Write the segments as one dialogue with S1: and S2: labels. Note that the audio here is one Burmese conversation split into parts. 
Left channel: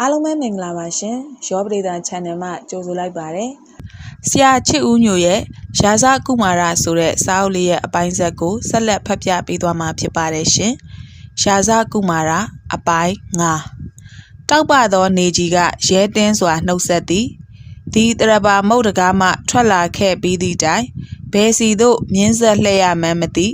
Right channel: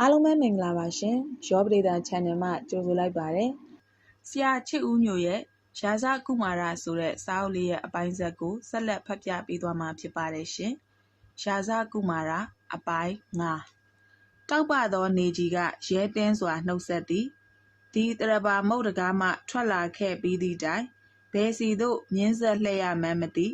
S1: အားလုံးပဲမင်္ဂလာပါရှင်ရောပရိသတ် channel မှာကြိုဆိုလိုက်ပါတယ်
S2: ဆရာချစ်ဦးညိုရဲ့ရာဇကုမာရဆိုတဲ့စာအုပ်လေးရဲ့အပိုင်းဆက်ကိုဆက်လက်ဖတ်ပြပေးသွားမှာဖြစ်ပါတယ်ရှင်ရာဇကုမာရအပိုင်း9တောက်ပသောနေကြီးကရဲတင်းစွာနှုတ်ဆက်သည်ဒီတရပါမုတ်တကားမှထွက်လာခဲ့ပြီးသည့်တိုင်ဘယ်စီသို့မြင်းဆက်လှည့်ရမှန်းမသိ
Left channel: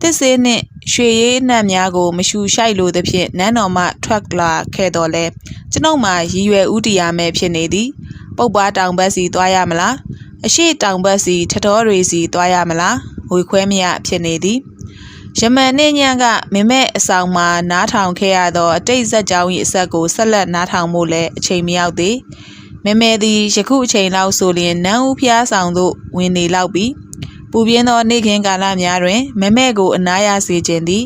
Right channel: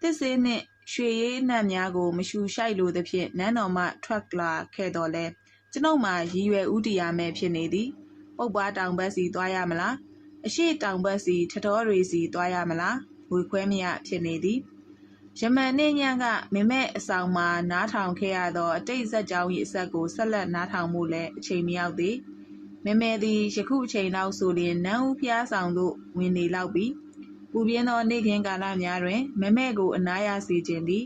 S2: တစ်စေးနှင့် ရွှေရည်နှံ့များကို မရှူရှိုက်လိုသဖြင့်နန်းတော်မှထွက်လာခဲ့တော်လဲကျွန်ုပ်မှာရည်ရွယ်ဥတီရမယ်ဖြစ်နေသည် ပုပ်ပွားတောင်ဘက်စီသွားရမလားအရှိတောင်ဘက်စီထတော်တွေစီသွားရမလားဝေခွဲမရဖြစ်နေသည်ယမန်နှင့်ညံကမင်းမဲ့အဆောင်မှာနားထောင်ခဲ့ရသောအတိတ်ဇက်ကြောင်း၏အဆက်ကိုဆက်လက်နားထောင်ဖို့လည်းအချိန်မရောက်သေးမမဲသည်ယခုအချိန်လောက်ဆိုလျင်နန်းဦးဖျားဆောင်သို့ဝင်နေလောက်ပြီး ပူပြင်းသောနေ့ခင်းကာလများတွင် မမဲကိုအနားရစေခြင်းသည်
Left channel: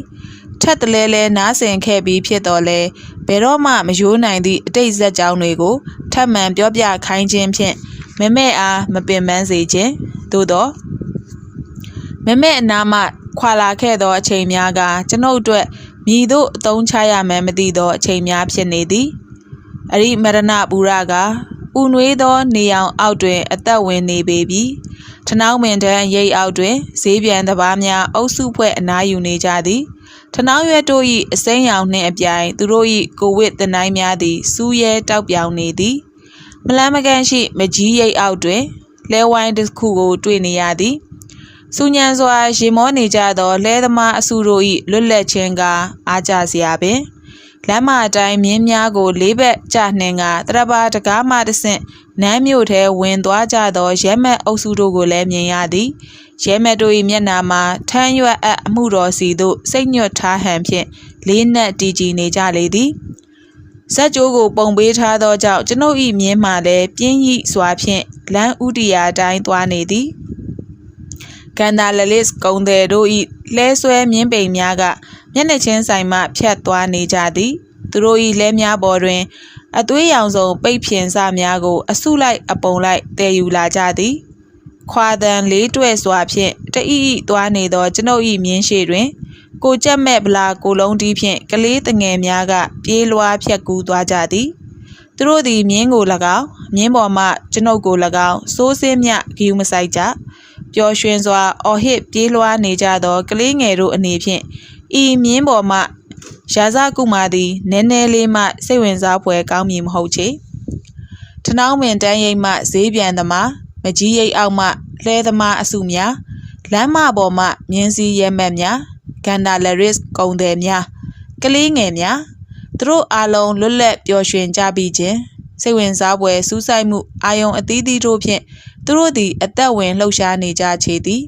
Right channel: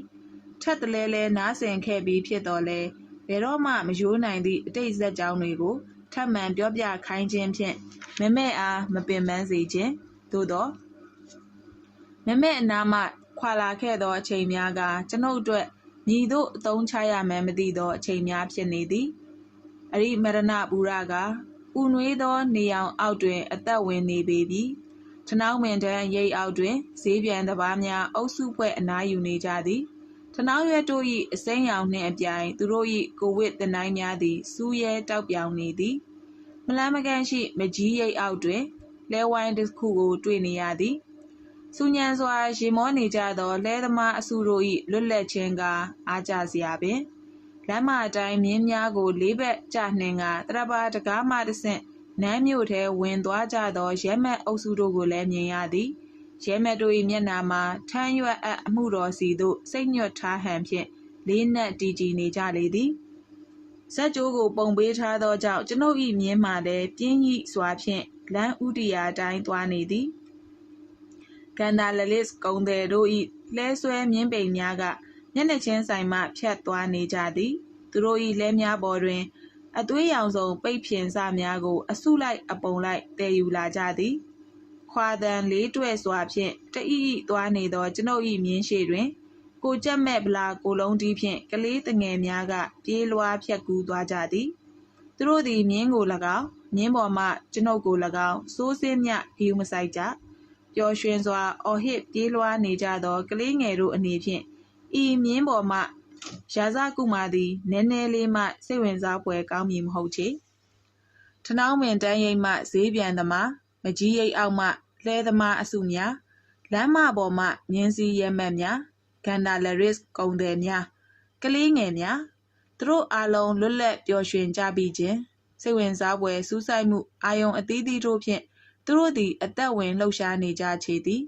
S2: ထက်တလဲလဲနားဆင်ခဲ့ပြီးဖြစ်တော်လဲဘယ်တော့မှမယိုးနိုင်သည့်အတိတ်ဇက်ကြောင်းတွေကိုထပ်မံပြောပြခိုင်းခြင်းဖြင့်မမဲအားမပင်ပန်းစေခြင်းသို့သောမမဲအနာမှခွာလာခဲ့သောအချိန်များကကျွန်ုပ်အတွက်မြည်သို့အသုံးချရမှန်းမသိသောအချိန်များဖြစ်နေသည်အရိမရဏပူရကဥနွေးသောနေအောင်အောက်တွင် အသက်ဝင်နေပေပြီ ထနောင်းပင်တန်းရိပ်အောက်တွင်ဈေးပြန်တပားများအုပ်စုဖွဲ့အနားယူနေကြသည်ထနောင်းရွက်တို့၏အစိမ်းရောင်နှင့်အပြိုင်သူတို့၏ကိုဝစ်တနိုင်းများသည်စူးရဲတောက်ပြောင်နေသည်မလန်းမကန့်ရှိမကြီးရိပ်အောက်တွင်လဲဝိုင်းတစ်ခုကိုတွေ့နေရသည်စူညံစွာရေမောနေကြသောလဲသမားအစုတို့၏လွတ်လပ်ခြင်းကအားကြစရာပင်လမ်းမအတိုင်းမြင်းများကိုလေးဘက်ကျနှင်ကတရပါတကားမှတဆင့် နန်းမြို့ထဲဝင်သွားကြသောရဲမက်အုပ်စုတို့ကိုလည်းမြင်ရသည်ရဲမက်တို့၏မျက်နာမှာထမ်းရွက်အပ်အမှုတော်စီသို့စိတ်ညွတ်ထားဟန်ဖြင့်လေးနက်တည်ကြည်နေကြလေသည်ဇက်ကြိုးကိုပုံပေးထားသောကြောင့်ကျွန်ုပ်၏မြင်းမှလည်းပြင်းရိစွာဖြင့်လမ်းဥတီယာတိုင်းသွားနေသည်ကန်ဒါလလစ်ကုံတယ်တို့၏လဲဆွဲမြင်းပိန်များကမျက်နှာချင်းဆိုင်မှဖြတ်သွားနေကြသည်သူတို့၏လဲများပေါ်တွင် အသွေးရောင်စုံပိတ်ဖြင်စများကို အစုလိုက်အပုံလိုက်တည်ယူလာကြသည်ခွာတန်လေးတွဲစွာဖြင့်တအီအီသွားနေသောကျွန်ုပ်၏မြင်းရှိတွင် ကိုကြက်မဲ့ဗလာကိုလုံးတီးဖြင့်ကလေးတငယ်များက ပြေးလွှားဖြက်ကူးသွားကြသည်သူတို့သည်မြင်းကို၎င်းမြင်းပေါ်မှကျွန်ုပ်ကို၎င်းစိုးစင်းမြဂီယူမဆိုင်ကြပျော်ရွှင်စွာအော်ဟစ်ပြေးလွှားနေကြသောကလေးငယ်တို့အနေဖြင့်ဤမြင်းပေါ်မှ ရာဇကုမာသည်နည်းနည်းလေးမှစိတ်ဝင်စားဖွယ်ကောင်းမည်မဟုတ်ချေထနောင်းပင်တန်းရိပ်မှဈေးပြန်သမားမကြီးရိပ်အောက်မှလှဲသမားအစုများလမ်းမပေါ်မှမြင်းစည်းရဲမက်များဂန္ဓာလရစ်ကုံတယ်များကလေးငယ်များသူတို့အားလုံးလွတ်လပ်ပျော်ရွှင်ကြပြီးခြင်းစိတ်ဝင်စားဖွယ်စူးစိုက်မှုအာယုံအသီးသီးတို့ဖြင့်သူတို့သည်အသက်ဝင်လှုပ်ရှားနေကြချေသည်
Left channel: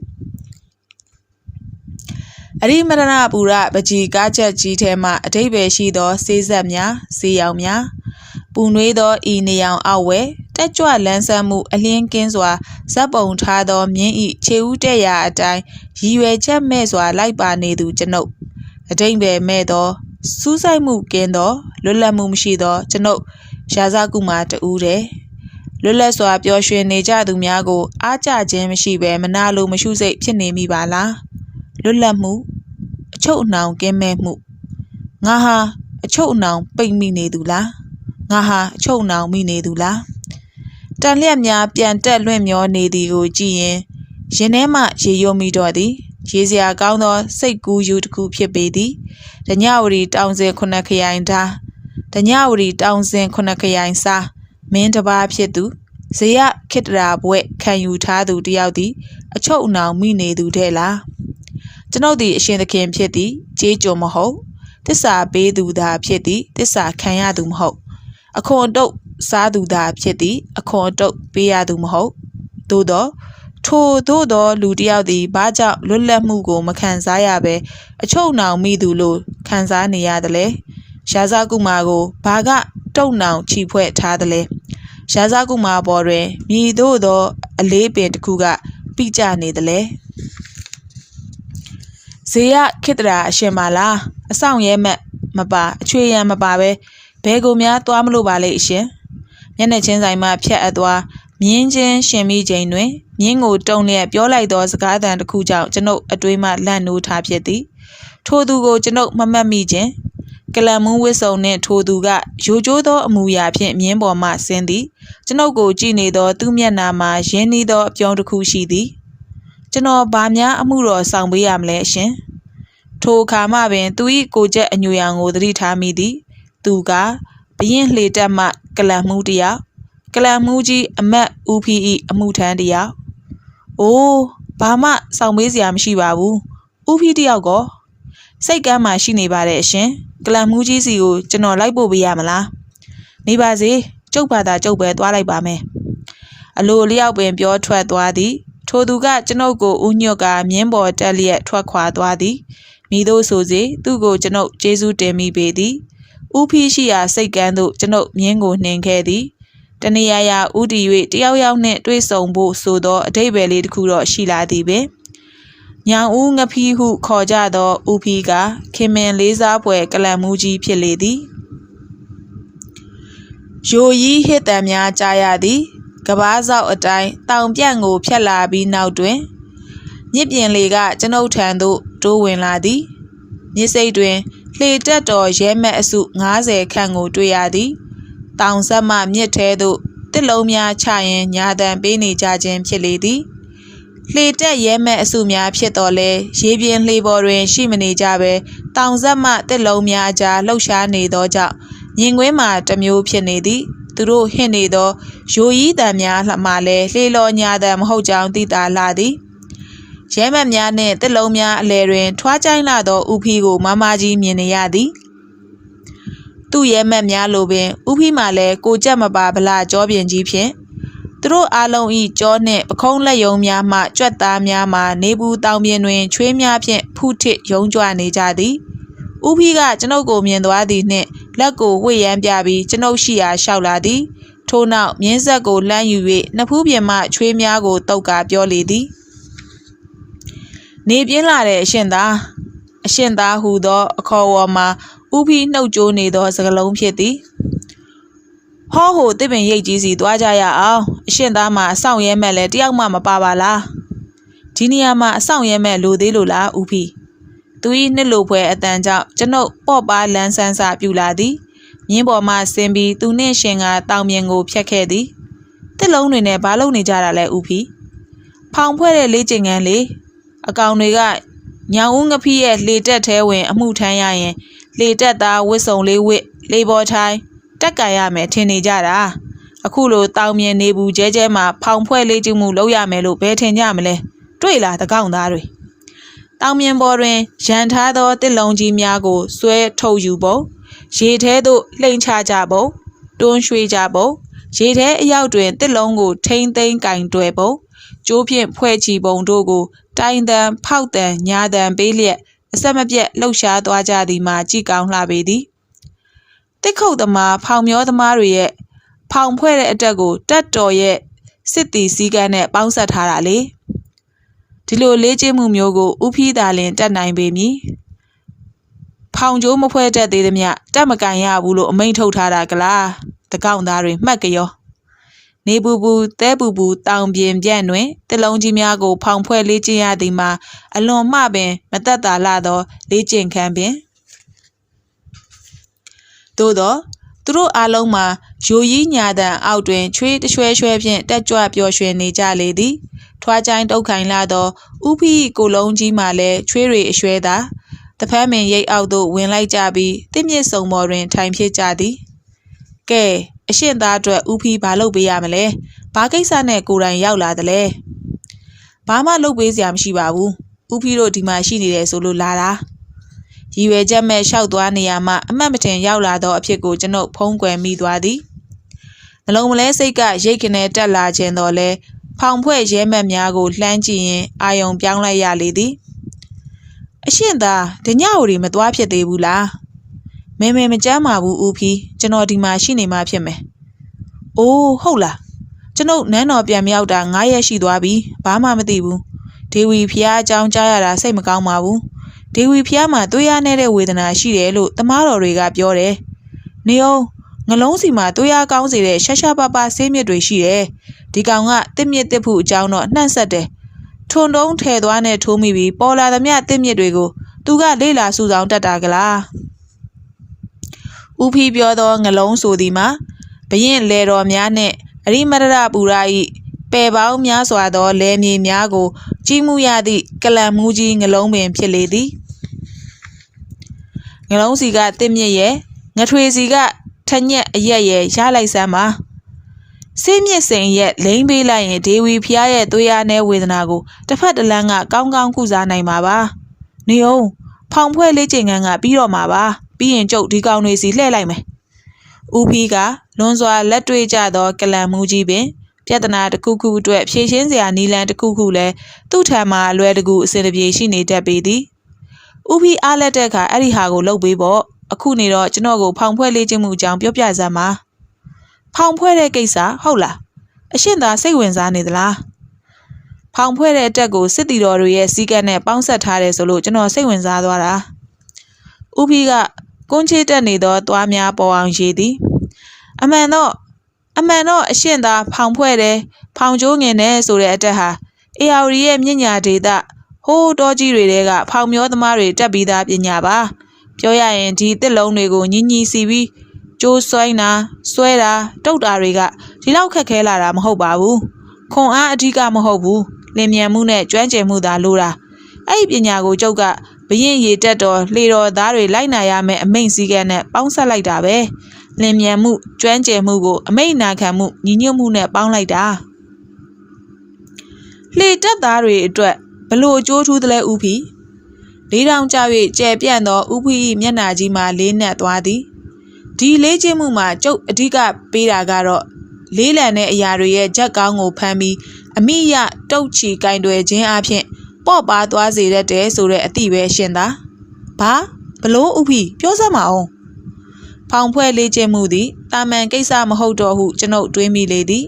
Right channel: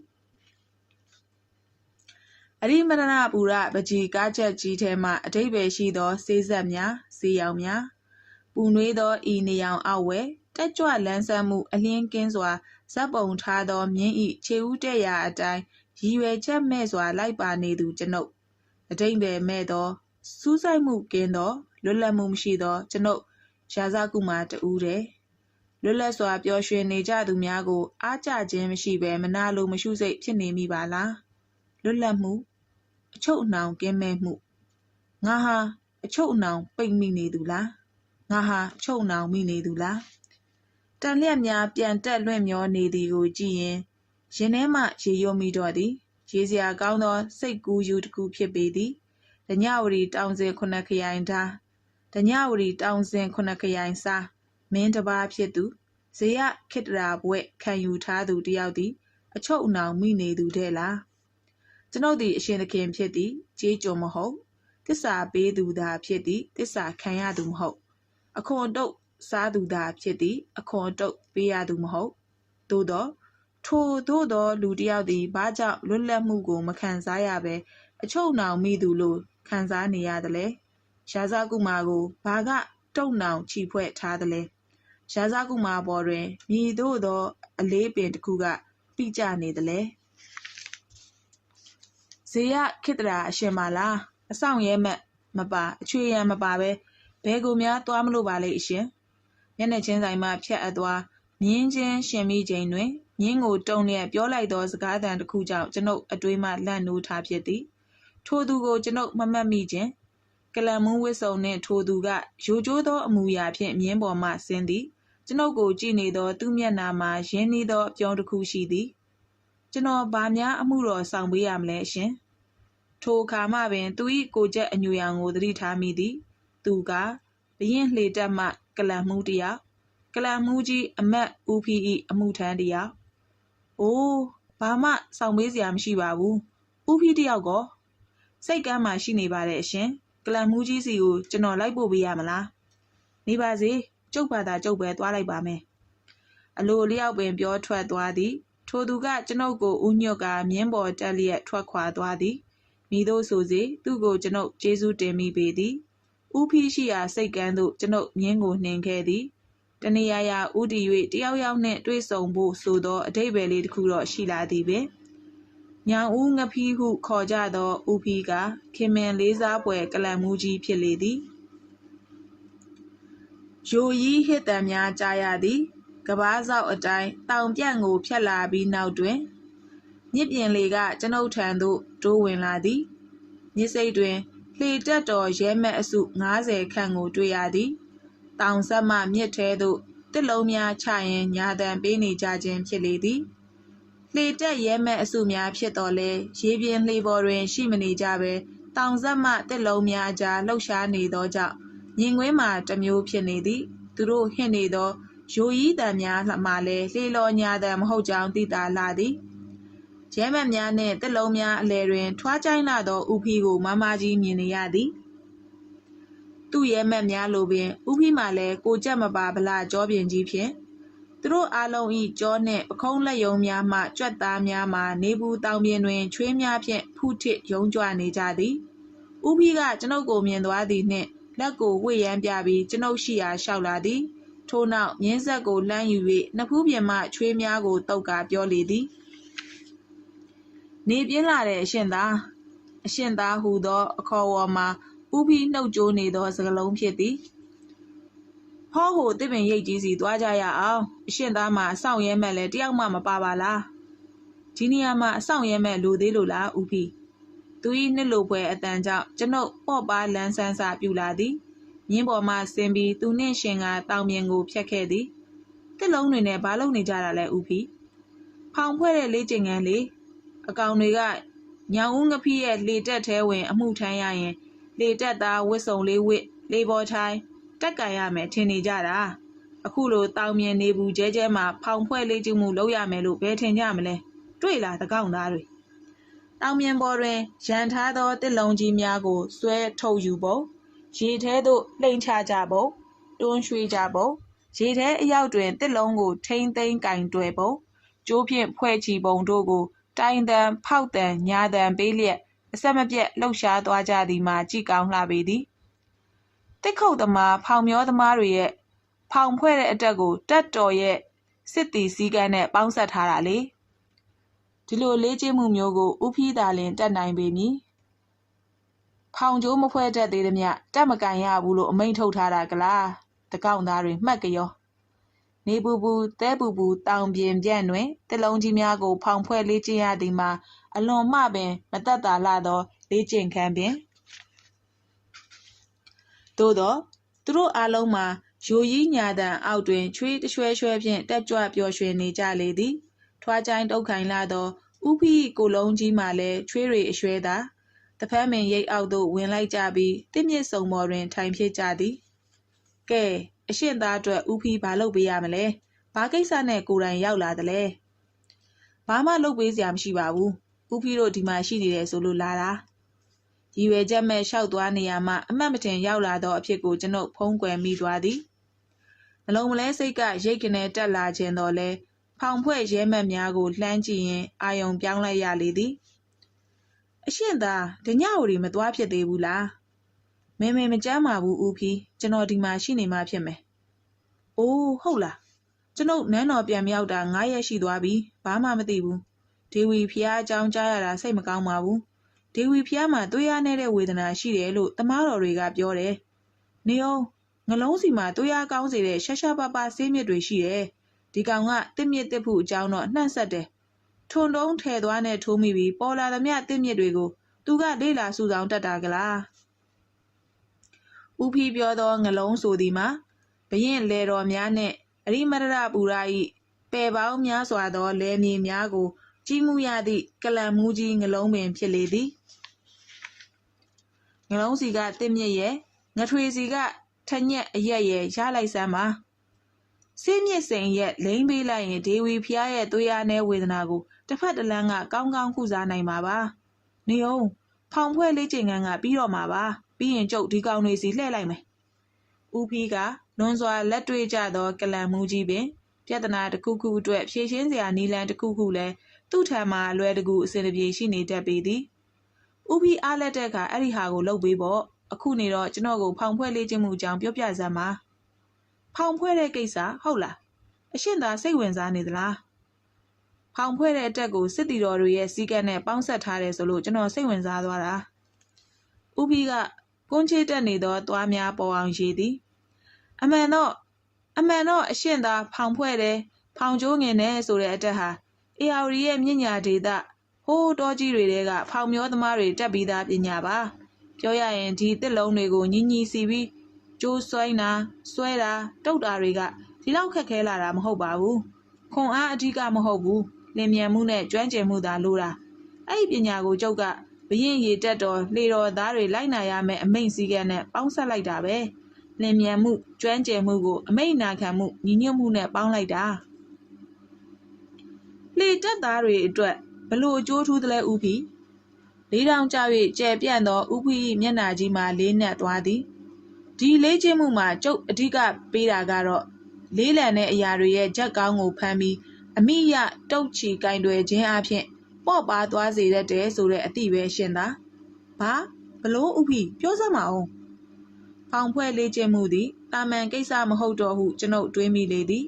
S2: အရိမရဏပူရပကြီးကားချက်ကြီးထဲမှအတိတ်ပဲရှိသောစေးဆက်များစေးရောင်များပူနွေးသောဤနေအောင်အောက်ဝဲတက်ကြွလန်းဆန်းမှုအလင်းကင်းစွာဇက်ပုံထားသောမြင်းဤခြေဦးတက်ရာအတိုင်းရည်ရွယ်ချက်မဲ့စွာလိုက်ပါနေသူကျွန်ုပ်အတိတ်ပဲမဲ့သောစူးစိုက်မှုကင်းသောလွတ်လပ်မှုမရှိသောကျွန်ုပ်ရာဇကုမာတူးတဲ့လွတ်လပ်စွာပျော်ရွှင်နေကြသူများကိုအားကြခြင်းမရှိဘဲမနာလိုမရှုစိတ်ဖြစ်နေမိပါလား လွတ်လပ်မှုအချုပ်အနှောင်ကင်းမဲ့မှုငါဟာအချုပ်အနှောင်ပိတ်မိနေသူလားငါဟာအချုပ်အနှောင်မိနေသူလားတန်လျက်များပြန်တက်လွင့်မျောနေသည်ကိုကြည့်ရင်ရင်ထဲမှရေယုံမိတော့သည်ရေစရာကောင်းသောစိတ်ကူးယူတစ်ခုဖြစ်ပေသည်ဒညဝရီတောင်စင်ခုနှစ်ခရိုင်သားဒညဝရီတောင်စင်ခုနှစ်ခရိုင်စားမင်းတစ်ပါးဖြစ်သူဇေယခိတရာဘွဲ့ခံယူထားသူတယောက်သည် အချုပ်အနှောင်မိနေသူတဲ့လား ကျွန်ုပ်သည်အရှင်သခင်ဖြစ်သည်ကြေးကြုံမဟုတ်တစ္ဆာပေးသူသာဖြစ်သည်တစ္ဆာခံရသူမဟုတ် အခွန်တုတ်စားသူသာဖြစ်သည် အခွန်တုတ်ပေးရသူမဟုတ်သို့သောထိုသို့သောလူတစ်ယောက်သည်ဘာကြောင့်လွတ်လပ်မှုကိုမခံစားရဘဲအချုပ်နှောင်မိသူလို့ခံစားနေရသလဲရှားစားကုမာကိုဘာကတုံနှောင်ချီဖွဲ့ထားသလဲရှားစားကုမာပေါ်တွင်မြည်သို့သော အလေးပင်တစ်ခုကပြကြနေသလဲ ဇေယခိတရာအရှင်ပါလားအဆောင်ရဲမက်မပါအချွေရန်မပါပဲဘဲကိုများသွားမလို့ပါလေအရှင်မျက်နှာချင်းဆိုင်မှဖြတ်အပ်သွားမြင်းချင်းရှင်မိချိန်တွင်မြင်းကိုတုံလျက်ပြောလိုက်သောစကားသံတစ်ခုကြောင့်ကျွန်ုပ်အတွေးမှလန့်နိုးထားဖြစ်သည်ထိုသူကိုကျွန်ုပ်မမှတ်မိခြင်းကလန်မူးဝစ်စုံနှင့်ထိုသူကရိုကျိုးသောအမူအရာဖြင့်မြင်းပေါ်မှဆင်းသည်ကျွန်ုပ်ကိုကြည့်နေသောသူ့မျက်နှာမှာရင်းနှီးသောအပြောင်းတစ်ခုရှိသည် ကျွန်တော်ဗာများအမှုတော်ဆောင်ပေးရမလဲအရှင်ထိုအခါမှပင် သူ၏ကိုချက်အညူရောင်ကိုသတိထားမိသည် သူကဘရင်လှေတက်မှကလန်မှုတစ်ယောက်ကလန်မှုကြီးအမတ်ဦးဖီ၏အမှုထမ်းတစ်ယောက်အိုးဘာမှဆောင်ပေးစရာမရှိပါဘူးဦးဖီတစ်ယောက်ကောစိတ်ကမ်းမှရှိနေပါတယ်အရှင်ကလန်မှုကြီးစီကိုကျွန်တော်လိုက်ပို့ပေးရမလားနေပါစေကျုပ်ဘာသာကျုပ်ပဲသွားလိုက်ပါမယ်အလိုလျောက်ပင်ပြောထွက်သွားသည် ထိုသူကကျွန်ုပ်ကိုဦးညွတ်ကမြင်းပေါ်တက်လျက်ထွက်ခွာသွားသည်မိတို့ဆိုစေသူ့ကိုကျွန်ုပ်ကျေးဇူးတင်မိပေသည်ဦးဖီးရှိရာစိတ်ကန်းသို့ကျွန်ုပ်မြင်းကိုနှင်ခဲ့သည်တနေရာရာဥတီ၍တယောက်ယောက်နှင့်တွေ့ဆုံဖို့ဆိုသောအတိတ်ပဲလေးတစ်ခုတော့ရှိလာသည်ပင်ညောင်ဦးငဖီးဟုခေါ်ကြသောဦးဖီးကခင်မင်လေးစားဖွယ်ကလန်မူကြီးဖြစ်လေသည်ယိုရီးဟစ်တံများကြားရသည် ကဘားဆောက်အတိုင်းတောင်ပြန့်ကိုဖြတ်လာပြီးနောက်တွင်မြစ်ပြင်လေကကျွန်ုပ်ထံသို့တိုးဝင်လာသည်မြစ်စိတ်တွင်လှေတက်တော်ရဲမက်အစု90ခန့်ကိုတွေ့ရသည်တောင်ဆက်မှမြစ်ထဲသို့တစ်လုံးများချရင်ညာတန်ပေးနေကြခြင်းဖြစ်လေသည်လှေတက်ရဲမက်အစုများဖြစ်တော်လဲရေပြင်လှေပေါ်တွင် ရှိမနေကြဘဲတောင်ဆက်မှတစ်လုံးများကြားလှုပ်ရှားနေသောကြောင့်မြင်ကွင်းမှာတစ်မျိုးဖြစ်နေသည် သူတို့ဟင့်နေသောယိုရီးတံများလှမှလည်းလှေလော်ညာတံမဟုတ်ကြောင်းသိတာလာသည်ရဲမက်များနှင့်တစ်လုံးများအလဲတွင် ထွားကြိုင်းလာသောဥဖီကိုမမကြီးမြင်နေရသည်သူ့ရဲမက်များလိုပင်ဥဖီမှလည်းကိုကြက်မပါဗလာကြောပြင်ကြီးဖြင့်သူတို့အားလုံးဤကြောနှင့်ပခုံးလက်ယုံများမှကြွက်သားများမှနေဘူးတောင်ပြင်တွင် ချွေးများဖြင့်ဖုထစ်ယုံကြွနေကြသည် ဥဖီကကျွန်ုပ်ကိုမြင်သွားသည်နှင့်လက်ကိုဝှေ့ရမ်းပြပြီးကျွန်ုပ်ရှိရာလျှောက်လာသည်ထို့နောက်မြင်းဆက်ကိုလှမ်းယူ၍နှစ်ဖူးပြင်မှချွေးများကိုတုတ်ကာပြောလေသည်နေပြင်းလာတဲ့အရှင်သားအရှင်သားဟူသောအခေါ်အဝေါ်မှာဥဖီနှုတ်ကြိုးနေသောစကလုံးဖြစ်သည်ဟောဟိုတစ်ပင်ရိတ်ကြီးစီသွားကြရအောင်အရှင်သားမှာအဆောင်ရဲမဲ့လဲတယောက်မှမပါပါလားဒီနေရာမှာအဆောင်ရဲမဲ့လိုသေးလို့လားဥဖီ သူ၏နှစ်လိုဖွဲအတန်ကြောင့်ကျွန်ုပ်ပေါ့ပါလန်းဆန်းစာပြူလာသည်မြင်းပေါ်မှဆင်းပြီးသူနှင့်ရှင်ကတောင်ပြင်ကိုဖြတ်ခဲ့သည်တစ်လုံးတွေနဲ့ဘာလုပ်နေကြတာလဲဥဖီဖောင်ဖွဲ့တဲ့လေးကျင်ငန်းလေးအကောင်တွေကညောင်ဦးငဖီးရဲ့လေတက်သေးဝင် အမှုထမ်းရရင် လေတက်သားဝစ်စုံလေးဝစ်လေပေါ်ထိုင်းတက်ကန်ရမယ်ထင်နေကြတာအခုလိုတောင်မြင်နေဘူးကျဲကျဲမှာဖောင်ဖွဲ့လေးကျမှုလုပ်ရမယ်လို့ဘယ်ထင်ကြမလဲတွေ့လားတကောင်သားတွေ တောင်မြင်ပေါ်တွင်ရန်ထားသောတစ်လုံးကြီးများကိုဆွဲထုတ်ယူပုံရေထဲသို့လှိမ့်ချကြပုံတွန်းရွှေ့ကြပုံရေထဲအရောက်တွင်တစ်လုံးကိုထိမ့်သိမ်းကင်တွယ်ပုံကျိုးဖြင့်ဖွဲ့ချီပုံတို့ကို တိုင်တန်ဖောက်တန်ညာတန်ပေးလျက်အဆက်မပြတ်လှုပ်ရှားသွားကြသည်မှာကြည်ကောင်းလှပေသည်တစ်ခုတ်သမားဖောင်မျောသမားတွေရဲ့ဖောင်ဖွဲ့တဲ့အတက်ကိုတက်တော်ရဲ့စစ်တီစည်းကမ်းနဲ့ပေါင်းဆက်ထားတာလေ ဒီလိုလေးကျင်းမှုမျိုးကိုဥဖီးသာလင်တက်နိုင်ပေမည်ဖောင်ကျိုးမဖွဲတတ်သေးသမျှတက်မကန်ရဘူးလို့အမိန့်ထုတ်ထားတာကလားတကောက်သားတွေမှတ်ကြောနေပူပူတဲပူပူတောင်ပြင်ပြန့်တွင်တလုံးကြီးများကို ဖောင်ဖွဲ့လေးကျင်းရသည်မှာအလွန်မှပင်မသက်သာလာသောလေးကျင်ခန်းပင်သို့သောသူတို့အားလုံးမှာယိုရီးညာတန်အောက်တွင်ချွေးတရွှဲရွှဲဖြင့်တက်ကြွပျော်ရွှင်နေကြလေသည် ထွားချိုင်းတုတ်ခိုင်လာသောဥဖီကိုလုံးကြီးမှလည်းချွေးတွေအရွှဲသာတဖက်မင်ရိတ်အောက်သို့ဝင်လိုက်ကြပြီးတစ်မြစ်စုံပေါ်တွင် ထိုင်ဖြစ်ကြသည်ကဲအရှင်သားအတွက်ဥဖီဘာလုပ်ပေးရမလဲဘာကိစ္စနဲ့ကိုယ်တိုင်ရောက်လာသလဲဘာမှလုပ်ပေးစရာမရှိပါဘူးဥဖီတို့ဒီမှာရှိနေတယ်ဆိုလို့လာတာရည်ရွယ်ချက်မဲ့လျှောက်သွားနေရမှအမှတ်မတင်ရောက်လာသောအဖြစ်ကိုကျွန်ုပ်ဖုံးကွယ်မိသွားသည်နှလုံးမလဲစိတ်ကရိတ်ကနေတက်လာခြင်းတော့လဲ ဖောင်ဖွဲ့ရဲမက်များကိုလှမ်းကြည့်ရင်အာယုံပြောင်းလိုက်ရလေသည်အရှင်သာဒညအိုတွေမသွားဖြစ်သေးဘူးလားမဲမဲမကြမ်းပါဘူးဦးဖီကျွန်တော်ဒီမှာရှိနေမှဖြစ်မယ်။အိုးဟုတ်လားကျွန်ုပ်နန်းတော်ပြန်မြောက်တာ9ရက်ရှိသွားပြီဘာမှမသိဘူးဒေဝီဖျားအကြောင်းကြားရတာစိတ်မကောင်းပါဘူးဒေဝီဖျားမှာသွေးရနေတဲ့ဝေဒနာရှိတယ်လို့တမားတော်တွေကပြောတယ်နေအောင် ငလုံးစီမှာသွေးရကောင်းစေတဲ့ရှာရှာပါပါဆေးမြစ်တွေရှိတယ်ဒီကောင်ကတစ်မြစ်တစ်ဖူအကြောင်းတော့နှံ့ဆက်တယ်ထွန်တုံးထဲသွားနဲ့ထိုးမိပြီးပေါ်လာသမျှတစ်မြစ်တွေကိုသူကလေးလာစုဆောင်တတ်တာကလားဦးဖီပြောသောငလုံးဆိုသည်မှာဘရင်လေတော်များနှင့်အရိမတရပူရာ၏ပယ်ပေါင်းများစွာသောလယ်မြေများကို ကြီးမှုရသည့်ကလံမူးကြီးငလုံးပင်ဖြစ်လေသည်ငလုံးစီကတစ်မြစ်ရဲ့ငထွေစီက ထညက်အရက်ရဲ့ရလိုက်စမ်းပါစေးမြစ်စိန်ရဲ့လိမ့်ပေးလိုက်ရင်ဒေဝီဖျားရဲ့သွေးအားနဲ့ဝေဒနာကိုတစ်ဖက်တစ်လမ်းကကောင်းကောင်းကုစားနိုင်ပါပါနေအောင်ဖောင်ဖွဲ့လေးချိန်ခန်းကပြီးတော့မှာပါပြီးရင်ကျုပ်ဒီကောင်တွေစီလှည့်လိုက်မယ်ဦးဖီးကလွန်စွာလက်တွေ့ကြသောကလံမူကြီးပင်ပြဿနာတစ်ခုခုအတွက်ဖြေရှင်းစရာနည်းလမ်းတစ်ခုခုလည်းသူ့ထံမှာအလွယ်တကူအစဉ်တပြေရှိနေတတ်ပေသည်ဦးဖီးအားလက်တဲ့အခါအဲ့ဒီဟာကိုလုပ်ပေးပေါ့ အခုနေတော့ကျွန်တော်ကိုဖောင်ဖွဲ့လေးခြင်းမှုအကြောင်းပြောပြစမ်းပါဖောင်ဖွဲ့တဲ့ကိစ္စဟုတ်လားအရှင်းသာစိတ်ဝင်စားနေသလားဖောင်ဖွဲ့တဲ့အတက်ကိုစစ်တီတော်တွေရဲ့စီးကပ်နဲ့ပေါင်းဆက်ထားတယ်ဆိုလို့ကျွန်တော်စိတ်ဝင်စားသွားတာဦးဖီးကကွန်းချေတက်နေသောသွားများပေါ်အောင်ရေးသည်အမှန်တော့အမှန်တော့အရှင်းသာဖောင်ဖွဲ့တယ်ဖောင်ကျိုးငင်တယ်ဆိုတဲ့အတက်ဟာအေယာဝရီရဲ့မြင့်ညာဒေတာဟိုးတော်ကြီးတွေတဲကဖောင်မျောသမားတွေတက်ပြီးသားပညာပါ ပြောရရင်ဒီတစ်လုံးတွေကိုညင်ညီစီပြီးကျိုးဆွိုင်းတာဆွဲတာတုတ်တာတွေကဒီလောက်ခက်ခဲလာတာမဟုတ်ပါဘူးခွန်အားအဓိကမဟုတ်ဘူးလင်မြန်မှုနဲ့ကျွမ်းကျင်မှုသာလိုတာအဲ့ဒီပညာကိုကျုပ်ကဘရင်ရေတက်တော်လှေတော်သားတွေလိုက်နာရမယ်အမိန့်စည်းကမ်းနဲ့ပေါင်းဆက်လိုက်တာပဲလင်မြန်မှုကျွမ်းကျင်မှုကိုအမိန့်နာခံမှုညီညွတ်မှုနဲ့ပေါင်းလိုက်တာလှေတက်သားတွေအတွက်ဘလို့အကျိုးထူးသလဲဥဖီ လေးတောင်ကြ၍ကျဲပြန့်သောဥဖီ၏မျက်နှာကြီးမှလေးနက်သွားသည်ဒီလေးချင်းမှုမှာကျုပ်အဓိကပေးတာကတော့လေးလံတဲ့အရာတွေရဲ့ဂျက်ကောင်းကိုဖမ်းပြီးအမိရတုတ်ချီကင်တွယ်ခြင်းအပြင်ပေါ့ပါသွားစေတတ်တယ်ဆိုတဲ့အတိပဲရှင်သာဘာဘလို့ဥဖီပြောစမ်းပါအောင်ဖောင်ဖွဲ့လေးချင်းမှုသည်တာမန်ကိစ္စမဟုတ်တော့ဟုကျွန်ုပ်တွေးမိလေသည်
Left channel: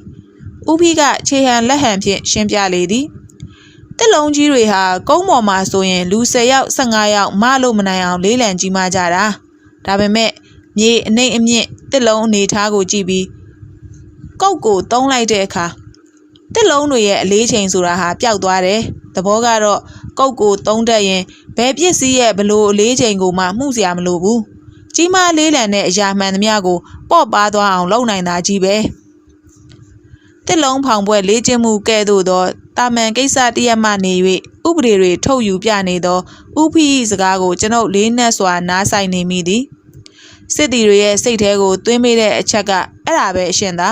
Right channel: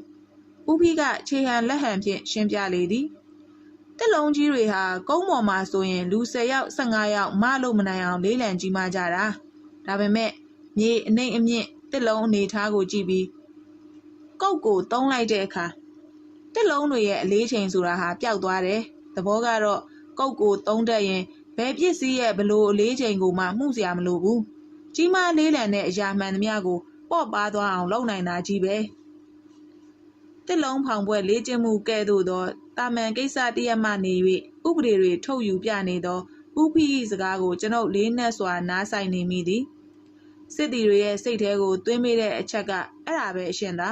S2: ဥဖီကခြေဟန်လက်ဟန်ဖြင့်ရှင်းပြလေသည် တစ်လုံးကြီးတွေဟာကုန်းပေါ်မှာဆိုရင်လူ10ယောက်15ယောက်မလို့မနိုင်အောင်လေးလံကြီးမှကြတာဒါပေမဲ့မြေအနှိမ့်အမြင့်တစ်လုံးအနေထားကိုကြည့်ပြီးကုတ်ကိုတုံးလိုက်တဲ့အခါတစ်လုံးတွေရဲ့အလေးချိန်ဆိုတာဟာပျောက်သွားတယ်သဘောကတော့ကုတ်ကိုတုံးတတ်ရင်ဘယ်ပစ္စည်းရဲ့ဘလို့အလေးချိန်ကိုမှမှုစရာမလိုဘူးကြီးမားလေးလံတဲ့အရာမှန်သမျှကိုပေါ့ပါသွားအောင်လုပ်နိုင်တာကြီးပဲ တစ်လုံးဖောင်ပွဲလေးကျင်းမှုကဲ့သို့သောတာမန်ကိစ္စတရက်မှနေ၍ဥပဒေတွေထုတ်ယူပြနေသောဥဖိ၏စကားကိုကျွန်ုပ်လေးနက်စွာနားဆိုင်နေမိသည်စစ်တီတွေရဲ့စိတ်ထဲကိုသွင်းမိတဲ့အချက်ကအဲ့ဒါပဲအရှင်သာ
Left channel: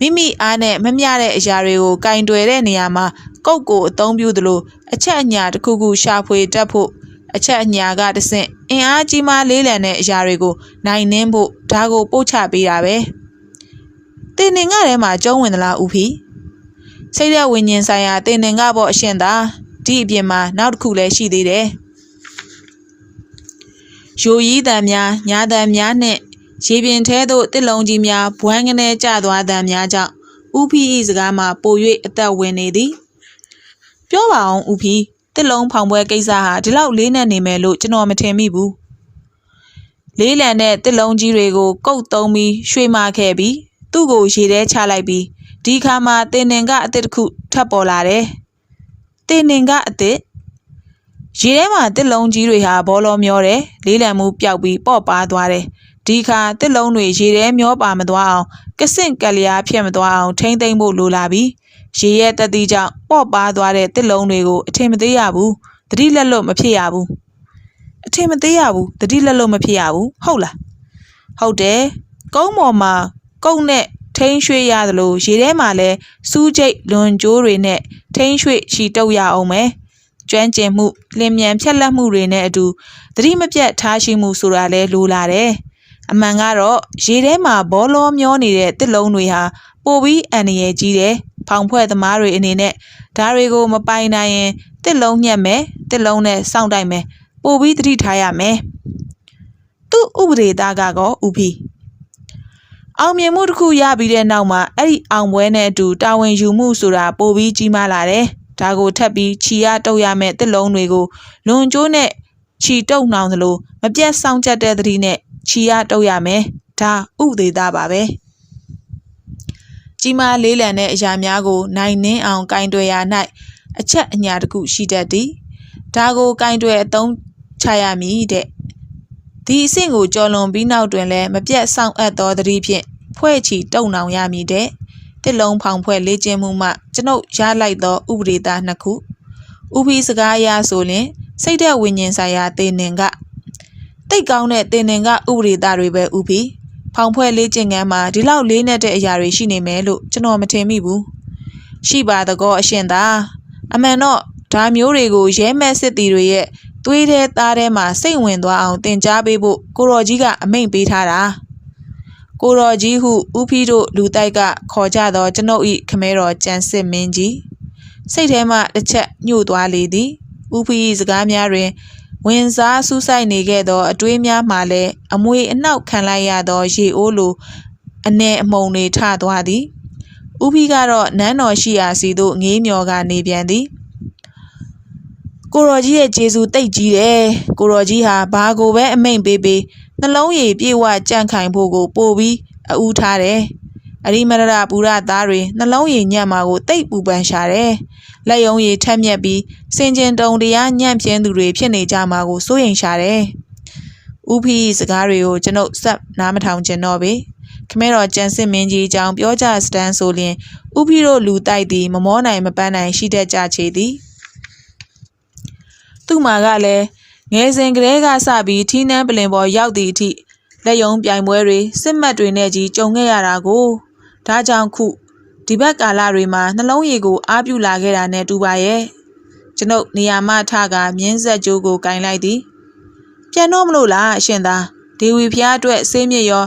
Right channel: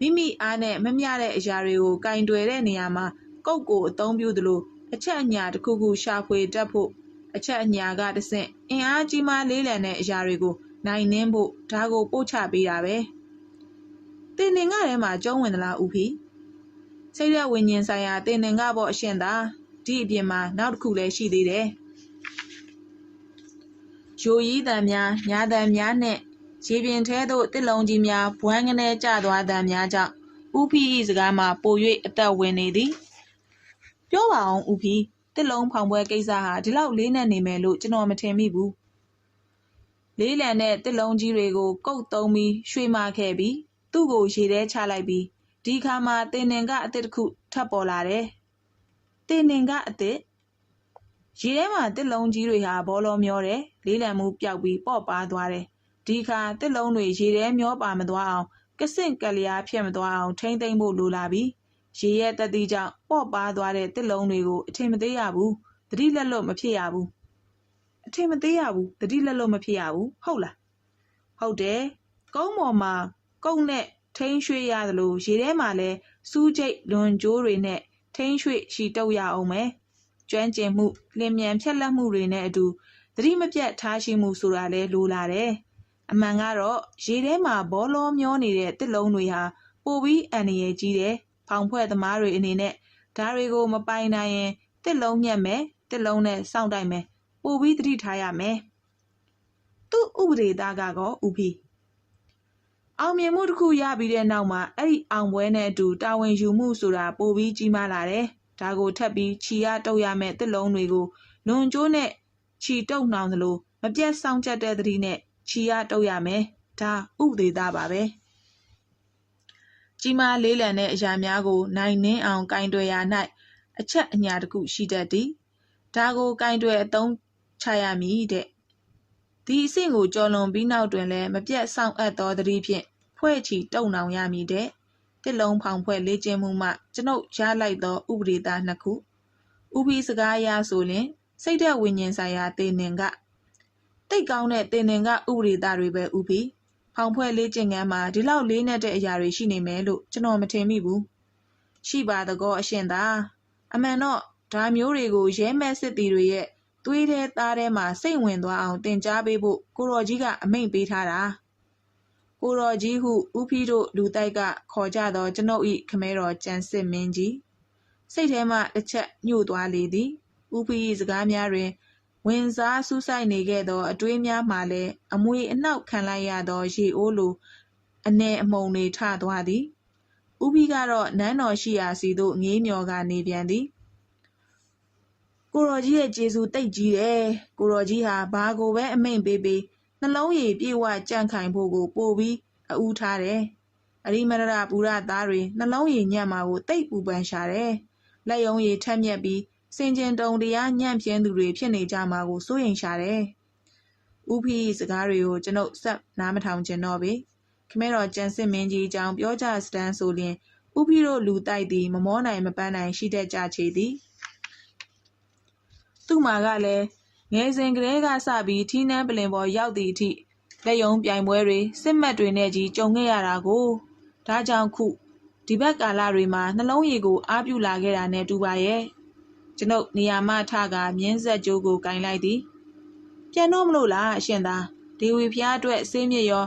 S2: မိမိအားနဲ့မမျှတဲ့အရာတွေကိုကင်တွယ်တဲ့နေရာမှာကုတ်ကိုအသုံးပြုသလိုအချက်အညာတစ်ခုခုရှာဖွေတတ်ဖို့အချက်အညာကတဆင့်အင်အားကြီးမားလေးလံတဲ့အရာတွေကိုနိုင်နှင်းဖို့ဒါကိုပို့ချပေးတာပဲ တင်နေငါထဲမှာကျုံးဝင်သလားဦးဖီစိတ်ရဝิญဉ်ဆိုင်ရာတင်နေငါပေါ့အရှင်သာဒီအပြင်မှာနောက်တစ်ခုလည်းရှိသေးတယ်ယိုရီးတံများညာတံများနှင့်ရေပြင်ထဲသို့တစ်လုံးကြီးများဘွမ်းကနေကျသွားတံများကြောင့်ဦးဖီ၏စကားမှာပို၍အသက်ဝင်နေသည်ပြောပါအောင်ဦးဖီတစ်လုံးဖောင်ပွဲကိစ္စဟာဒီလောက်လေးနဲ့နေမယ်လို့ကျွန်တော်မထင်မိဘူးလေးလံတဲ့တစ်လုံးကြီးတွေကိုကုတ်သုံးပြီးရွှေမာခဲ့ပြီး သူ့ကိုရေထဲချလိုက်ပြီးဒီခါမှာတင်နင်ကအစ်စ်တစ်ခုထပ်ပေါ်လာတယ်တင်နင်ကအစ်စ်ရေထဲမှာတစ်လုံးကြီးတွေဟာဘောလုံးမျောတယ်လေးလံမှုပျောက်ပြီးပေါ့ပါသွားတယ်ဒီခါတစ်လုံးတွေရေထဲမျောပါမသွားအောင်ကစင့်ကလျားဖြစ်မသွားအောင်ထိမ့်သိမ့်ဖို့လိုလာပြီရေရဲ့တတိကြောင့်ပေါ့ပါသွားတဲ့တစ်လုံးတွေကိုအထင်မသေးရဘူးတတိလက်လွတ်မဖြစ်ရဘူးအထင်မသေးရဘူးတတိလက်လွတ်မဖြစ်ရဘူးဟုတ်လားဟုတ်တယ်ကုန်းပေါ်မှာ ကုန်းနဲ့ထိန်းရွှေ့ရသလိုရေထဲမှာလည်းစူးကျိတ်လွန်ကျိုးတွေနဲ့ထိန်းရွှေ့ချီတုပ်ရအောင်မယ်ကျွမ်းကျင်မှုလင်မြန်ဖြက်လက်မှုတွေနဲ့အတူသတိမပြတ်ထားရှိမှုဆိုတာလဲလိုလာတယ်အမှန်ကတော့ရေထဲမှာဘောလောမျောနေတဲ့တစ်လုံးတွေဟာပိုပြီးအန္တရာယ်ကြီးတယ်ဖောင်ဖွဲ့သမားတွေအနေနဲ့ဓာတွေကိုမပိုင်နိုင်ရင်တစ်လုံးညက်မယ်တစ်လုံးနဲ့စောင့်တိုက်မယ်ပိုပြီးသတိထားရမယ်သူ့ဥပဒေသားကတော့ဥပီ အောင်မြင်မှုတစ်ခုရပြီးတဲ့နောက်မှာအဲ့ဒီအောင်ပွဲနဲ့အတူတာဝန်ယူမှုဆိုတာပိုပြီးကြီးမားလာတယ်ဒါကိုထပ်ပြီးခြီရတုပ်ရမယ့်တစ်လုံးတွေကိုလွန်ကျိုးနဲ့ခြီတုပ်နှောင်သလိုမပြတ်ဆောင်ချက်တဲ့သတိနဲ့ခြီရတုပ်ရမယ်ဒါဥဒေတာပါပဲကြီးမားလေးလံတဲ့အရာများကို နိုင်နှင်းအောင်ကင်တွယ်ရာ၌အချက်အညာတစ်ခုရှိတတ်သည်ဒါကိုကင်တွယ်အသုံးချရမည်တဲ့ ဒီအဆင့်ကိုကျော်လွန်ပြီးနောက်တွင်လည်းမပြတ်ဆောင်အပ်သောသတိဖြင့်ဖွဲ့ချီတုံနောင်ရမည်တဲ့တစ်လုံးဖောင်ဖွဲ့လေ့ကျင့်မှုမှကျွန်ုပ်ရလိုက်သောဥပဒေသားနှစ်ခုဥပီစကားအရဆိုလျှင်စိတ်သက်ဝိညာဉ်ဆိုင်ရာသေနင်ကတိတ်ကောင်းတဲ့သေနင်ကဥပဒေသားတွေပဲဥပီဖောင်ဖွဲ့လေ့ကျင့်ခန်းမှာဒီလောက်လေးနက်တဲ့အရာတွေရှိနေမယ်လို့ကျွန်တော်မထင်မိဘူးရှိပါသကောအရှင်သာအမှန်တော့ဒါမျိုးတွေကိုရဲမဲ့စစ်တီတွေရဲ့ သွေးထဲသားထဲမှာစိတ်ဝင်သွားအောင်တင် जा ပေးဖို့ကိုရော်ကြီးကအမိန့်ပေးထားတာကိုရော်ကြီးဟုဥဖီးတို့လူတိုက်ကခေါ်ကြသောကျွန်ုပ်ဤခမဲတော်ကြံစစ်မင်းကြီးစိတ်ထဲမှတစ်ချက်ညှို့သွားလေသည်ဥဖီး၏စကားများတွင်ဝင်စားဆူးဆိုင်နေခဲ့သောအတွေးများမှလည်းအမွေအနှောက်ခံလိုက်ရသောရေအိုးလိုအ내အမုံတွေထသွားသည်ဥဖီးကတော့နန်းတော်ရှိရာစီသို့ငေးမျောကနေပြန်သည် ကိုရော်ကြီးရဲ့ဂျေဇူတိတ်ကြီးတယ်ကိုရော်ကြီးဟာဘာကိုပဲအမိန်ပေးပေးနှလုံးရည်ပြေဝကြန့်ခိုင်ဖို့ကိုပို့ပြီးအူးထားတယ်အရိမရရပူရသားတွေနှလုံးရည်ညံ့မှာကိုတိတ်ပူပန်ရှာတယ်လက်ယုံရည်ထက်မြက်ပြီးစင်ကျင်တုံတရားညံ့ပြင်းသူတွေဖြစ်နေကြမှာကိုစိုးရိမ်ရှာတယ်ဥဖီစကားတွေကိုကျွန်ုပ်စက်နားမထောင်ကျင်တော့ပေခမဲတော်ကျန်စစ်မင်းကြီးအကြောင်းပြောကြစတန်းဆိုလျင်ဥဖီတို့လူတိုက်သည်မမောနိုင်မပန်းနိုင်ရှိတတ်ကြချေသည် သူ့မှာကလည်းငယ်စဉ်ကလေးကစပြီးထီးနှန်းပလင်ပေါ်ရောက်သည့်အထိလက်ယုံပြိုင်ပွဲတွေစစ်မှတ်တွေနဲ့ကြီးကြုံခဲ့ရတာကိုဒါကြောင့်ခုဒီဘက်ကာလတွေမှာနှလုံးရည်ကိုအားပြုလာခဲ့တာနဲ့တူပါရဲ့ကျွန်ုပ်နေရာမထကမြင်းဆက်ကြိုးကိုကင်လိုက်သည်ပြန်တော့မလို့လားအရှင်သာဒေဝီဖျားအတွက်ဆေးမြစ်ရော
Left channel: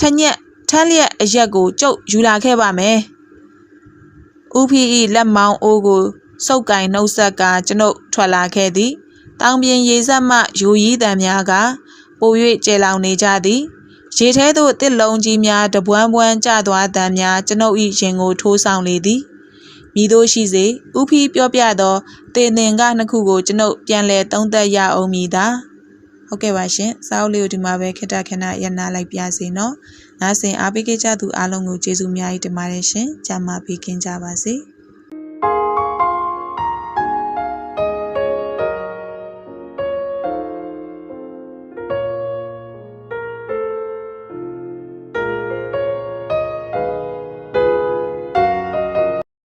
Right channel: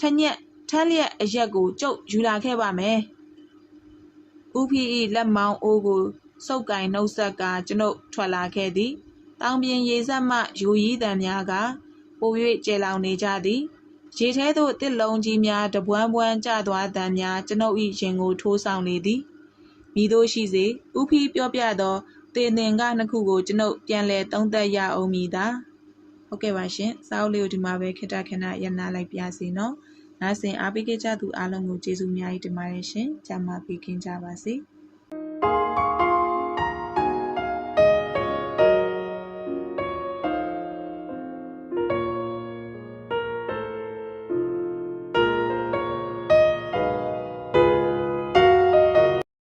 S2: ထညက်ထမ်းလျက်အရက်ကိုကျုပ်ယူလာခဲ့ပါမယ်ဥဖီဤလက်မောင်းအိုးကို စုပ်ကင်နှုတ်ဆက်ကကျွန်ုပ်ထွက်လာခဲ့သည်တောင်ပြင်ရေဆက်မှယူရီးတံများကပို၍ကျဲလောင်နေကြသည်ရေထဲသို့တစ်လုံးကြီးများတပွန်းပွန်းကျသွားတံများကျွန်ုပ်၏ရင်ကိုထိုးဆောင်လေသည်မိတို့ရှိစေဥဖီပြောပြသောတင်တင်ကနှစ်ခုကိုကျွန်ုပ်ပြန်လည်သုံးသပ်ရအောင်မည်သာဟုတ်ကဲ့ပါရှင်စာအုပ်လေးကိုဒီမှာပဲခက်တာခဏရနာလိုက်ပြစေနော်နားဆင်အားပေးကြသူအားလုံးကိုကျေးဇူးအများကြီးတင်ပါတယ်ရှင်ကြမ်းမာပေးခင်ကြပါစေ